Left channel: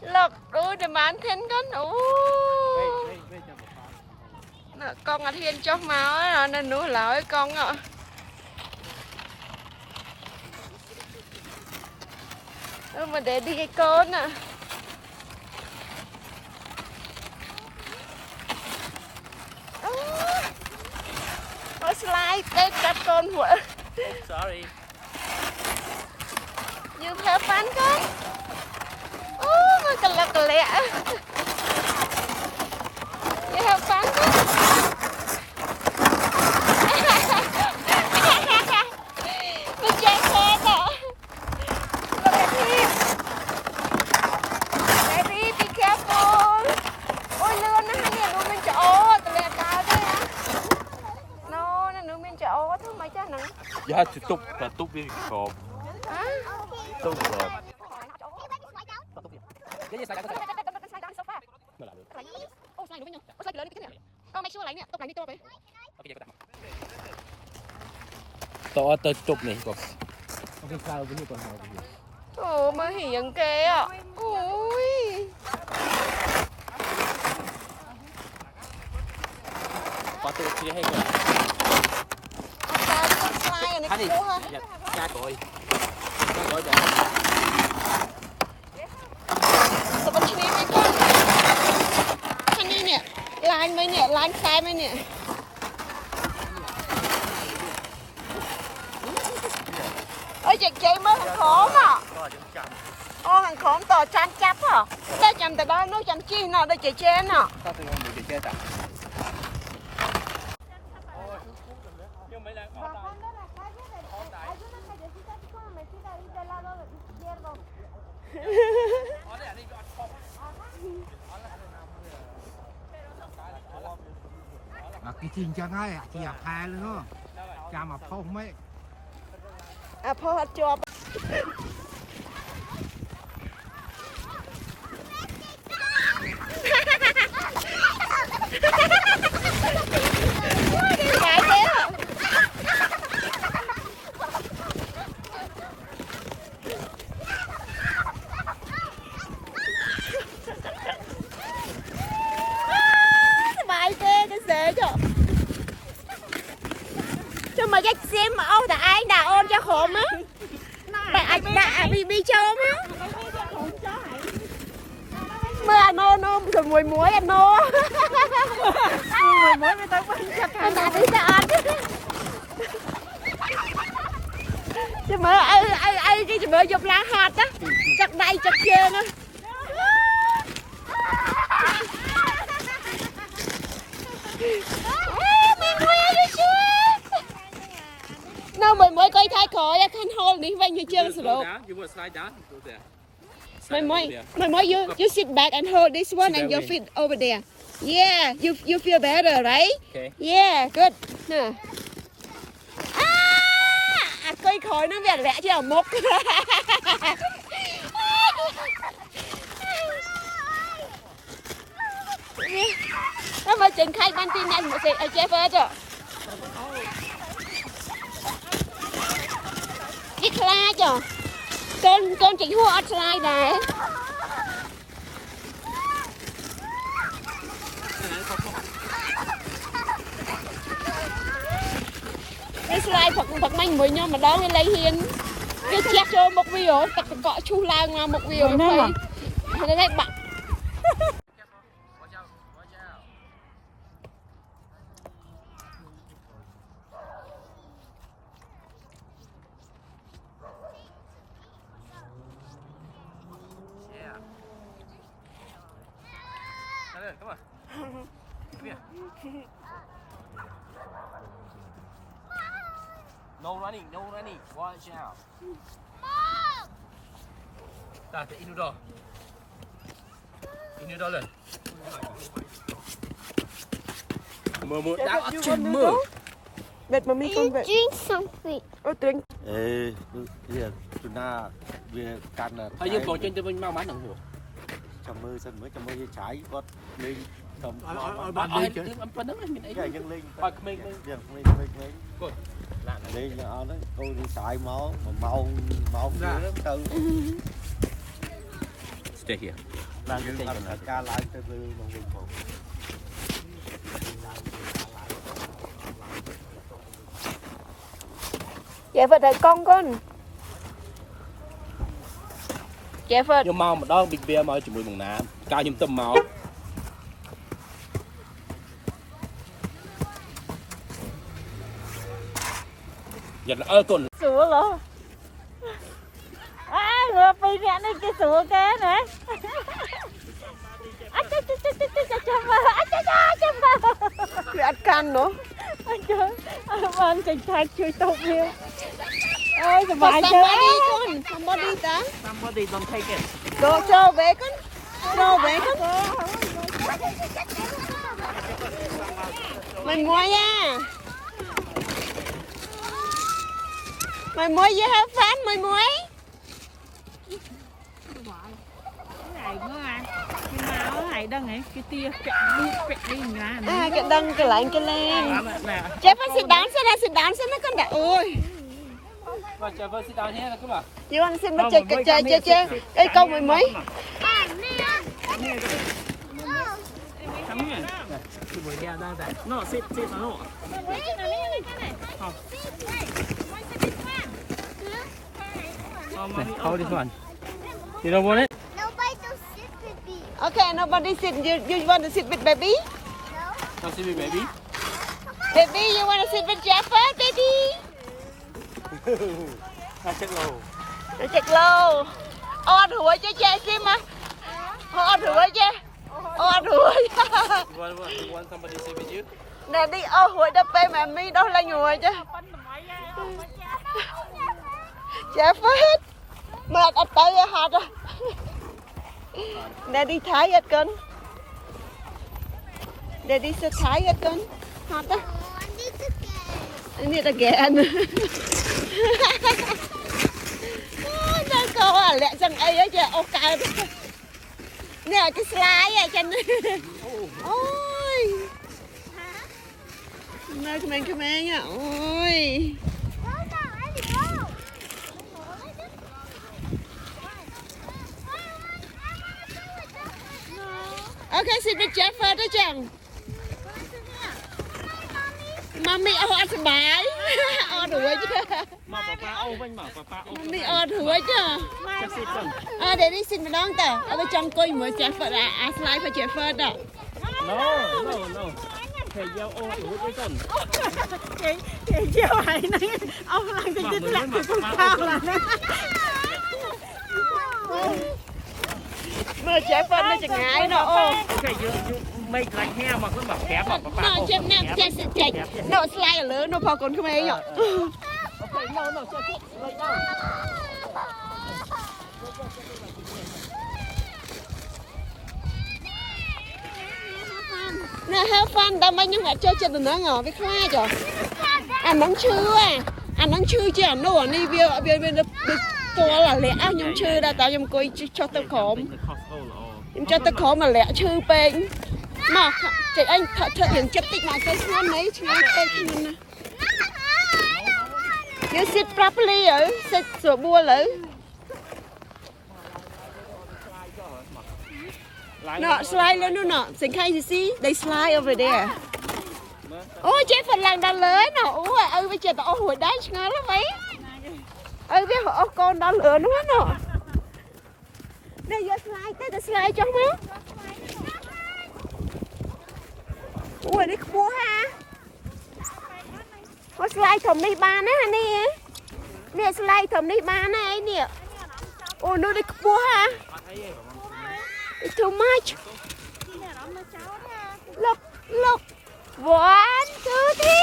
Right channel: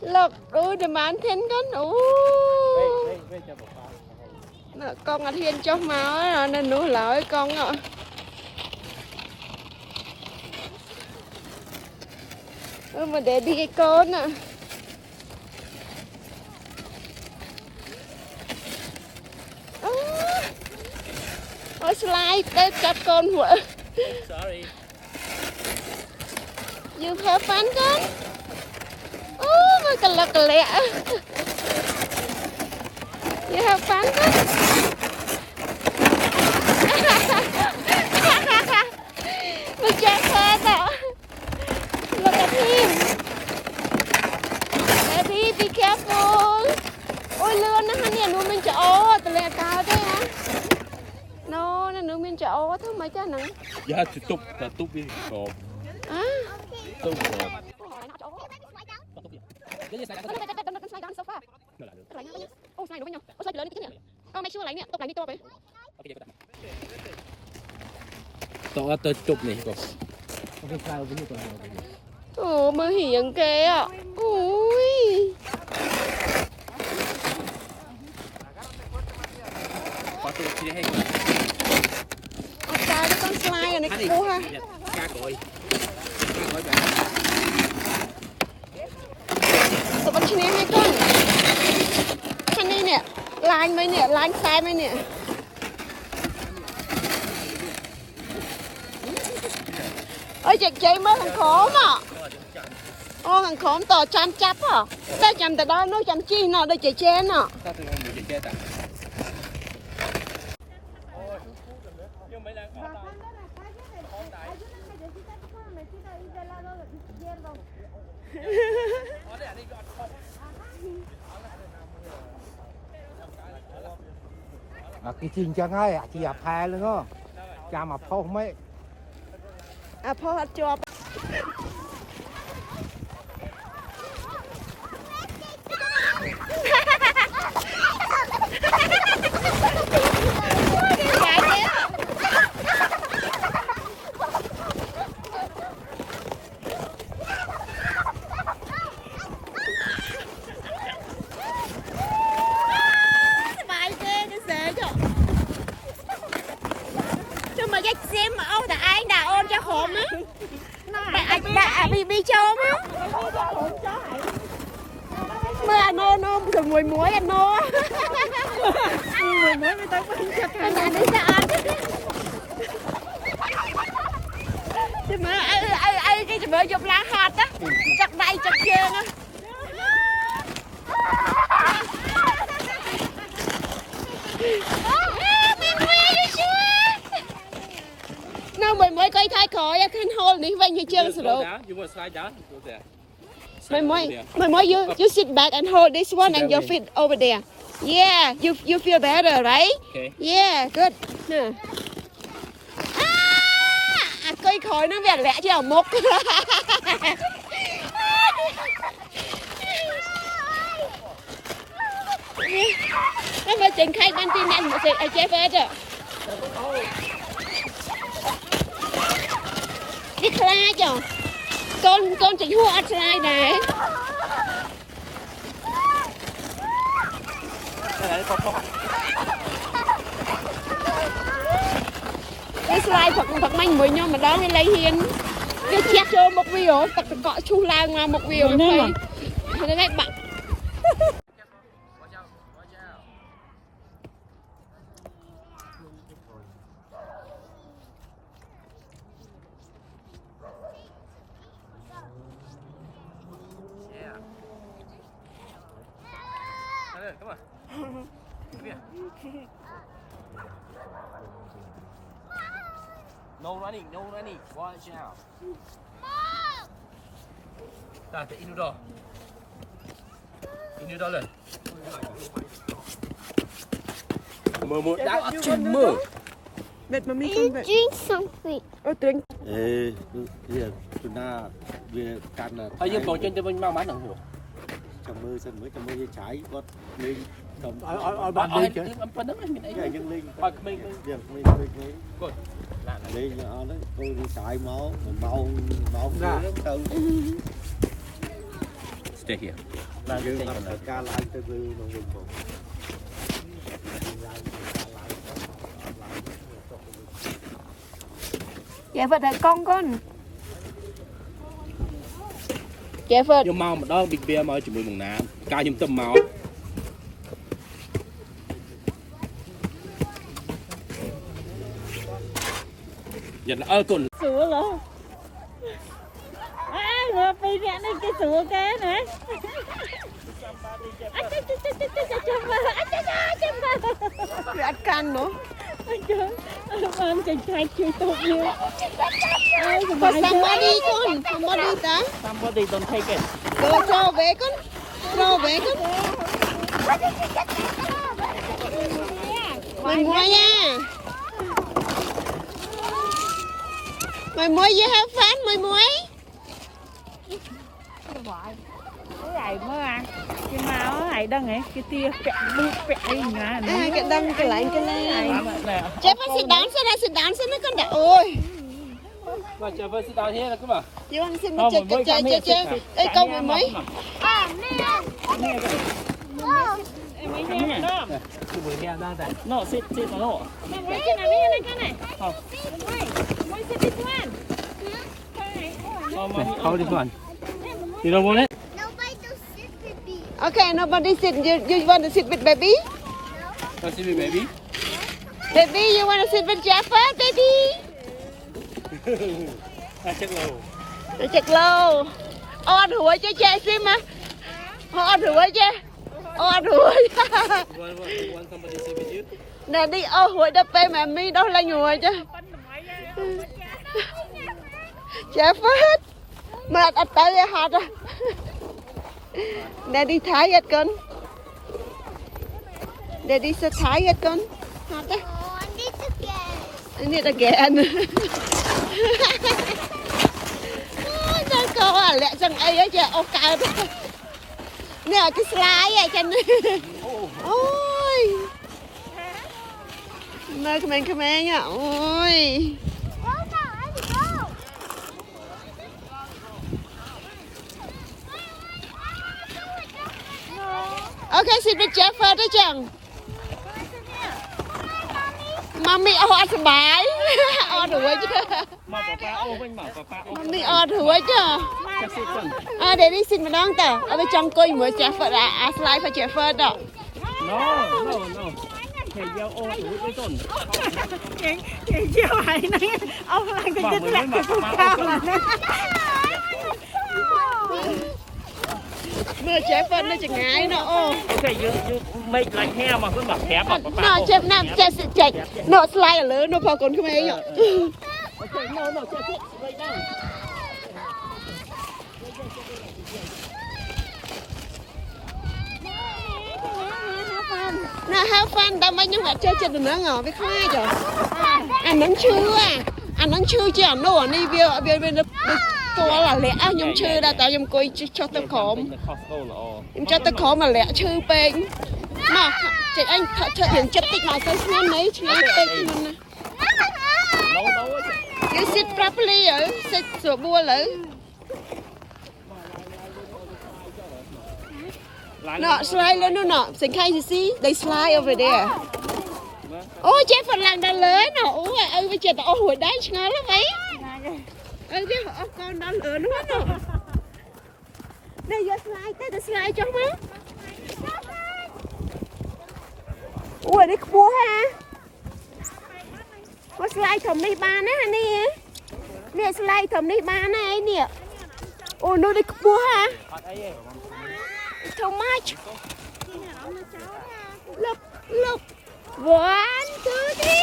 lộc ui để bán thêm con ui con ăn hiên cho máu rồi nên nuôi lỡ con ạ mà để đi cái con ạ nó slide để cắt con hủa sorry you have fun con ôi cái lẹ you have fun dạ thì túc đi cột túc rồi to tới túc này cột ồ mà hiền kìa ui có tôi chia hay rồi anh đi cha cội anh đi nè line mấy nè line sai mấy nè ơi chị chơi mất thằng khốn à ô thằng khốn tò chăn chấp à ta chăn từ đó nó chăn chi nào đây chị chơi nè sao tôi không được chơi ta nhưng mấy lần ở đây cái chinh chẳng ai à chỉ ập hè luôn đó cha mà phong mấy à phô hết cho mà cái sim mà ông đã ai đã ôm cho khổ á mày anh đã bị cho á mà anh nô rồi mùi muối anh nô mùi muối người ta quên cho anh đã đi sao anh chứ mà ai cái mà dùng lá hạt á chặt đây chặt kia á no, mới cây thay khỏi, I can hold it when you jump slow. You want to slide down? Go there. My you sit back and hold this one and your feet over there. Yeah, you feel better, right? Okay. Yeah, good. Cây khỏi nó vẻ lẽ chứ ở mốc. Nó mà trình khai ban tin anh một chị ở chế phê chưa? Đi khai chưa? Con chỉ hua slide này. Cái slide thật manh với nhau mà đó cái lấy hiên. Cái chiếc cho một video, tất cả cọ chu lang mà một video này. Nó đấy bạn. Come on. Come here. No running, no running. Watch out. Ta phải inu đó. Inu đó lên. Mơ đá ở trên mơ. Mệt mà mình không vậy. Drink something. Ôi drink. ê bây giờ tụi na về can là Thôi nhưng còn trên tôi mau mắn thằng hồ. trong mơ sân mới trong mơ dây trái có lên cầm Bạn đi chứ. Bạn đứng mình ấy. cái nhân linh Thôi mình việc mình coi. Là đi nhỏ đấy tôi đi xài máu mà máu từ Stay here. dương tập ca lại từ từ mình Dạ Phật thầy con Dạ Phật Nhưng mau mà đó bịt bia mau chùm mừng nè. Cao nhâm tâm mau. Giật là ơi tuần. Sủa luôn. Ngược bị rẽ lên cái sủa kế nè. Ăn can nữa Anh cảnh sát chui tục luôn. Ôi sờ bài chứ. Somebody con Somebody ta Somebody don't take it. Cho về con Mình mua nha Mày mua gì hả Phan mày mua Cái này mới ăn. Cái máu này đang ấy, cái tia vẹn đi vẹn ngà nó. cái đăng cái lại cái lên Jeff sit down xem nó con đã ôi Và chờ với sit down here là cứ bảo. You want to sit mà chơi Ê câu mày mấy No, sit no. Hold this one. You don't want it? Nobody to sit with me. Okay nobody sit you want to sit with baby Don't sit me, baby. Baby you want to sit with Jeff baby Check low. Để chặt lâu On hủa chứ chơi xem mà On hủa chứ On hủa You want somebody to sit with you? Nè đi on hủa đập tay mà mi đâu lên ngồi chứ Chả phết Mà đặt tay ra hạt à Nè đi thái hết con Nè đi sẽ thái hết con Hạt á Oh, I need to get. Need again Nó có à lẹ chẳng ấy á chứ ô cao Nè cái slide á chân Ôi Mơ come here nha Ôi Go now, Ellie, go. Ok xin được Jeff đó chẳng Mami on sờ bái On đuổi chứ Mà papa ô anh bảo papa ô. Mami on đuổi chứ Just sit down. Để đi xin mình đón ta ở bên trong coi mới Jeff slide phải Jeff đó No. Thầy giao ô đủ với tuần. Chị chiều này này. Ông lại cái Mà đứt mới lạc mà cái papa cao ô là nó. Mơ Jeff nó chẳng ngại nó ô Okay, you make like hair mà cứ bảo khép mà papa. Nó Jeff nè chạy nó slide ở lớn nó vào còn không ấy nhở Okay, no, just sit lay down. Nè have fun tao mấy nhưng mà chơi chơi nữa ngờ với khoai rồi nắng chưa chứ nó đi bia to là lẽ nhung chưa đã tao nhung coi cho tao khổm nhung cho tao khổm mà lẽ chưa bên mà chị anh thật hiện chất tích mà cái năm ấy chị ấy tên mình you sit properly ở sit sửa bua lử nó slide lên nó nọ sinh khai gì xí they slide over there ôi chết phần làng đã lớn nọ ôi bây giờ tao hồi đấy ngớ lắm mấy ơi biết họ con đã lớn nữa nọ đây giờ slide tới slide cho má ui đi cua ha có slide thầm đi ba nè nè nè slide thầm đi ba này nè ôi nó đi cua ha too much look 1, 2, 3